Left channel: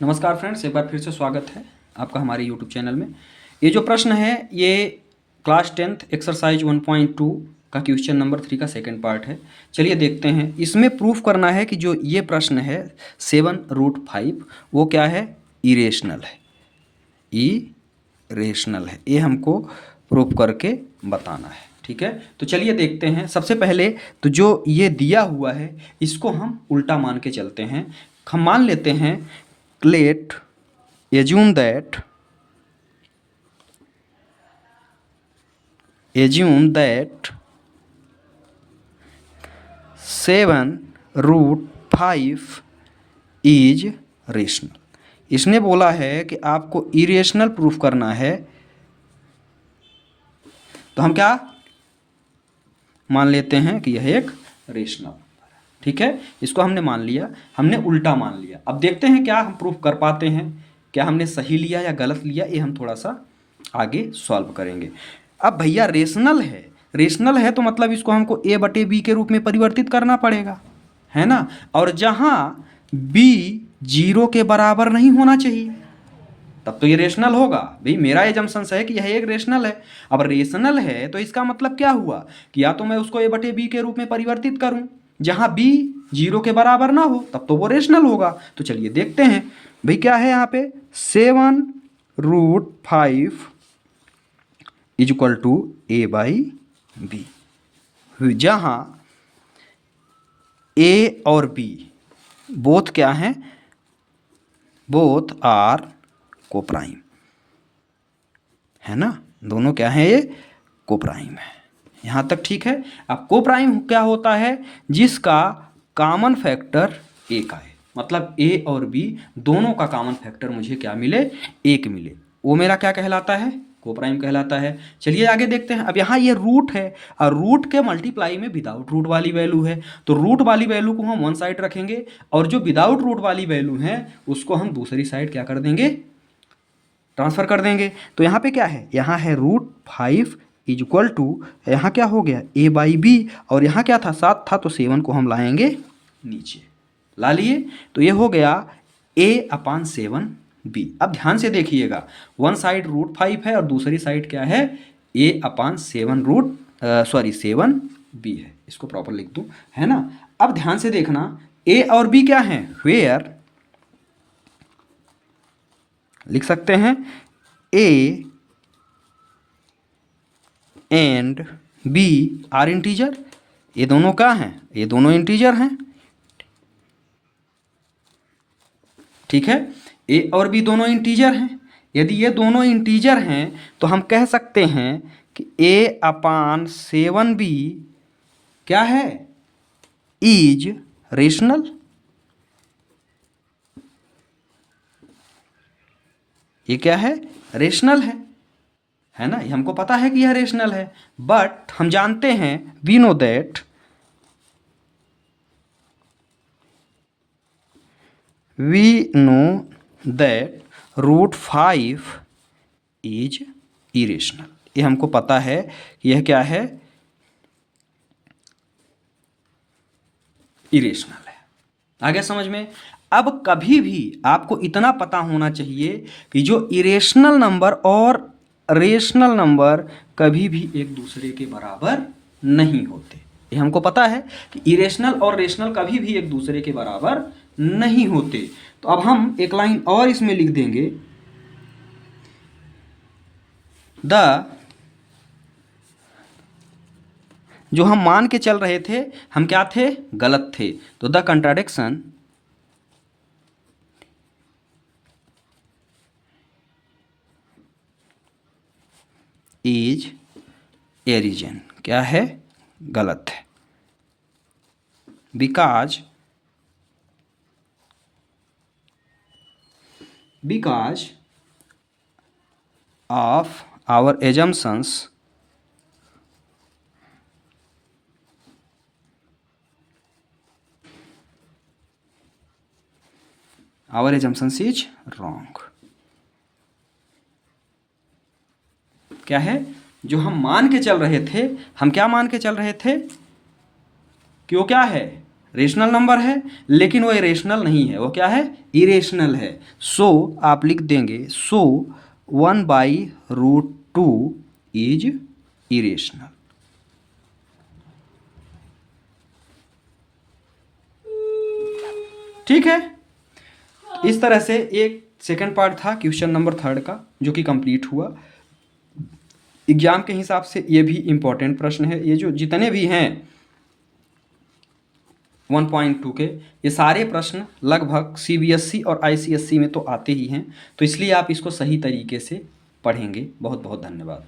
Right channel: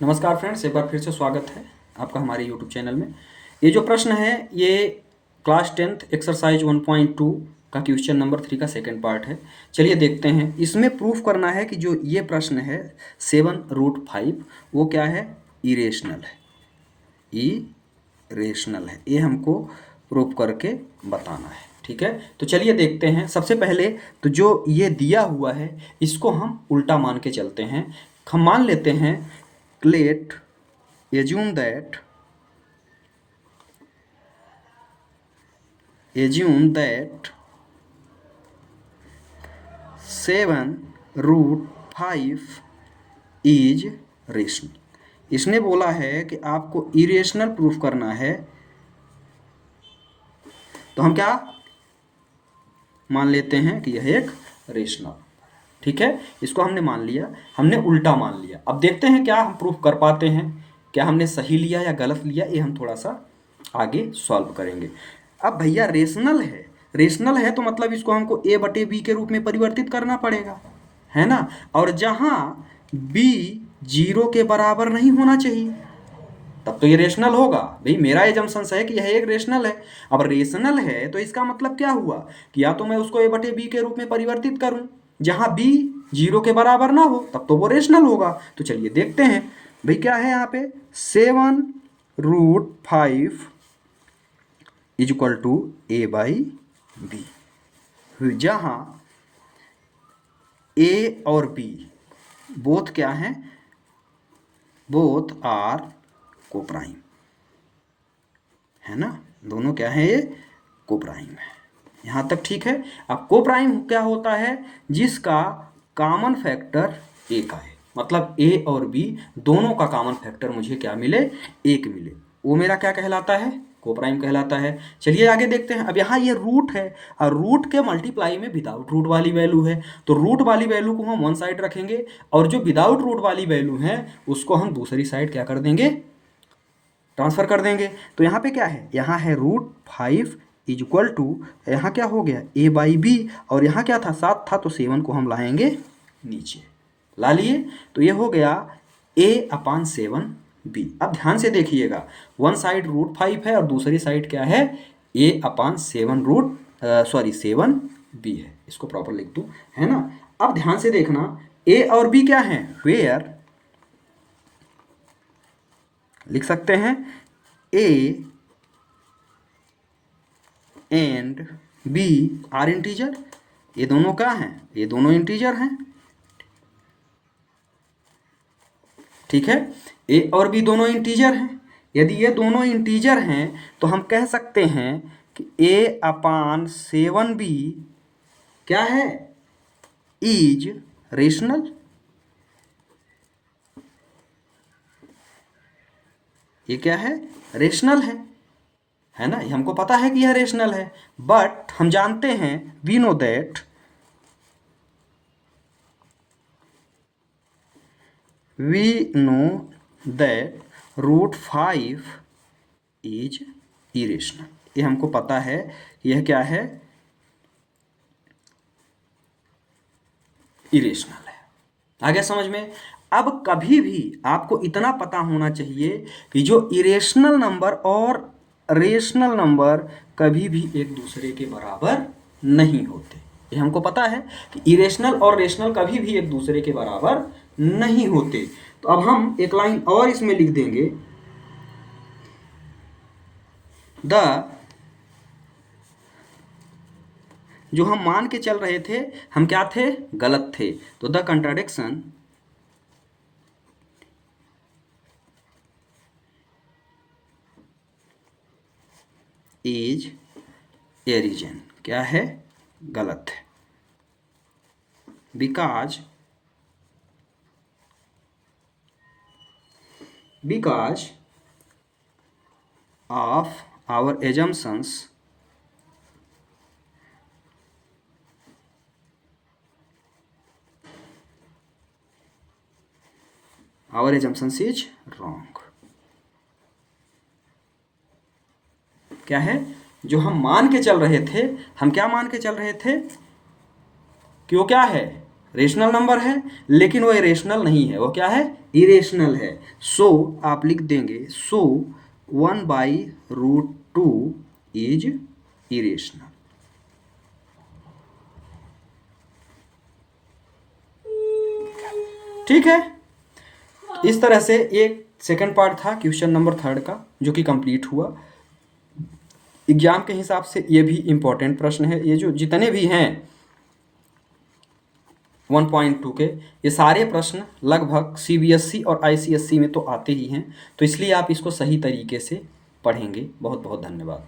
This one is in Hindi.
नमस्कार फ्रेंड्स, एक बार फिर से स्वागत है आपका हमारे यूट्यूब चैनल में। ये जो प्रश्न है ये क्लास 10th एक्सरसाइज 1.2 का क्वेश्चन नंबर 3 का सेकंड पार्ट है। चलिए देखते हैं। इसमें प्रूफ करना है कि जो ये प्रश्न है 7√5 वो क्या है, इरेशनल है। इरेशनल है, ये हमको प्रूफ करके बताना है। ठीक है, तो चलिए देखते हैं। सबसे पहले तो जो ये दिया हुआ है इसको हम उल्टा मान के चलते हैं। हम मान लेते हैं let assume that 7√5 is rational. इसने बोला है कि आपको इरेशनल प्रूफ करना है, तो हम क्या मान लेते हैं कि यह एक रेशनल। ठीक है, इसको हमने मान लिया, हमने उल्टा मान लिया। अब देखते हैं क्या हम प्रूफ कर पाते हैं, क्या हमने सही लिया या गलत लिया, ये हम थोड़ा सा आगे सॉल्व करेंगे। अब भैया रेशनल है तो मतलब इसको हमको a बटे बी के रूप में परिवर्तित करना पड़ेगा, है ना। और जहां b 0 के बराबर नहीं होना चाहिए तब तो ये रेशनल होगा। भाई मेरा एजम्पशन है कि यह एक रेशनल है। अब रेशनल है तो इसका मतलब क्या हुआ कि या तो मैं उसको a बटे बी के रूप में परिवर्तित करूं, जहां b 0 के बराबर ना हो, तब तो वो रेशनल होगा। तो चलिए देखते हैं। भाई क्या है यहाँ पे, 7√5 is equal to a by B, जहां a और b बोथ क्या हैं, बोथ आर कोप्राइम, है ना। दोनों क्या है, ये कोप्राइम है। यहाँ तक ठीक है। अब कोप्राइम क्या होता है, जिसका कॉमन फैक्टर एक आए, मतलब a और b दोनों का कॉमन फैक्टर मुझे क्या मिले, एक मिले, वो मेरा क्या कहलाता है, कोप्राइम कहलाता है। चलिए आगे देखते हैं। अब यहाँ ये रूट है और रूट के मल्टीप्लाई में विदाउट रूट वाली वैल्यू है, तो रूट वाली वैल्यू को हम वन साइड रखेंगे और जो विदाउट रूट वाली वैल्यू है उसको हम दूसरी साइड क्या कर देंगे, ट्रांसफर कर देंगे। तो यहाँ पे क्या है, यहाँ है √5 इज इक्वल टू, यहाँ क्या हो गया a बाई बी, और यहाँ क्या था, 7 था, तो 7 को हम लाएंगे नीचे, ला लिए, तो ये हो गया a/7b। अब ध्यान से देखिएगा, वन साइड √5 है और दूसरी साइड क्या है, a/7b है। इसको प्रॉपर लिख दूँ, है ना। अब ध्यान से देखना, a और b क्या है, वेयर लिख सकते हैं a and b are integer. ये दोनों क्या हैं, ये दोनों इंटीजर हैं। ठीक है, a और b दोनों इंटीजर हैं। यदि ये दोनों इंटीजर हैं तो हम कह सकते हैं कि a/7b क्या है, इज रेशनल। ये क्या है, रेशनल है ना। ये हमको पता है कि यह रेशनल है, बट हम जानते हैं, we know that √5 is irrational. ये हमको पता है कि यह क्या है, इरेशनल है। आ गया समझ में। अब कभी भी आपको इतना पता होना चाहिए कि जो इरेशनल नंबर और रेशनल नंबर कभी भी एक दूसरे के बराबर नहीं होते। ये हमको पता है कि इरेशनल और रेशनल कभी भी एक दूसरे के बराबर नहीं होते। तो अब हम एक लाइन और इसमें लिख देंगे, जो हम मान के चल रहे थे हम क्या थे, गलत थे। तो द कंट्राडिक्शन इज एरिजन, क्या है, गलत है। Because of our assumptions is wrong. क्या है, जो हम मान के चल रहे थे, हम क्या मान के चल रहे थे कि वो क्या है, रेशनल नंबर है, लेकिन वो इरेशनल नहीं है, वो क्या है, इरेशनल है। सो आप लिख देंगे, सो 1/√2 इज इरेशनल। ठीक है, इस तरह से एक सेकंड पार्ट था क्वेश्चन नंबर 3 का, जो कि कंप्लीट हुआ। एग्जाम के हिसाब से ये भी इम्पोर्टेंट प्रश्न है। ये जो जितने भी हैं 1.2 के, ये सारे प्रश्न लगभग CBSE और ICSE में तो आते ही हैं, तो इसलिए आप इसको सही तरीके से पढ़ेंगे। बहुत बहुत धन्यवाद।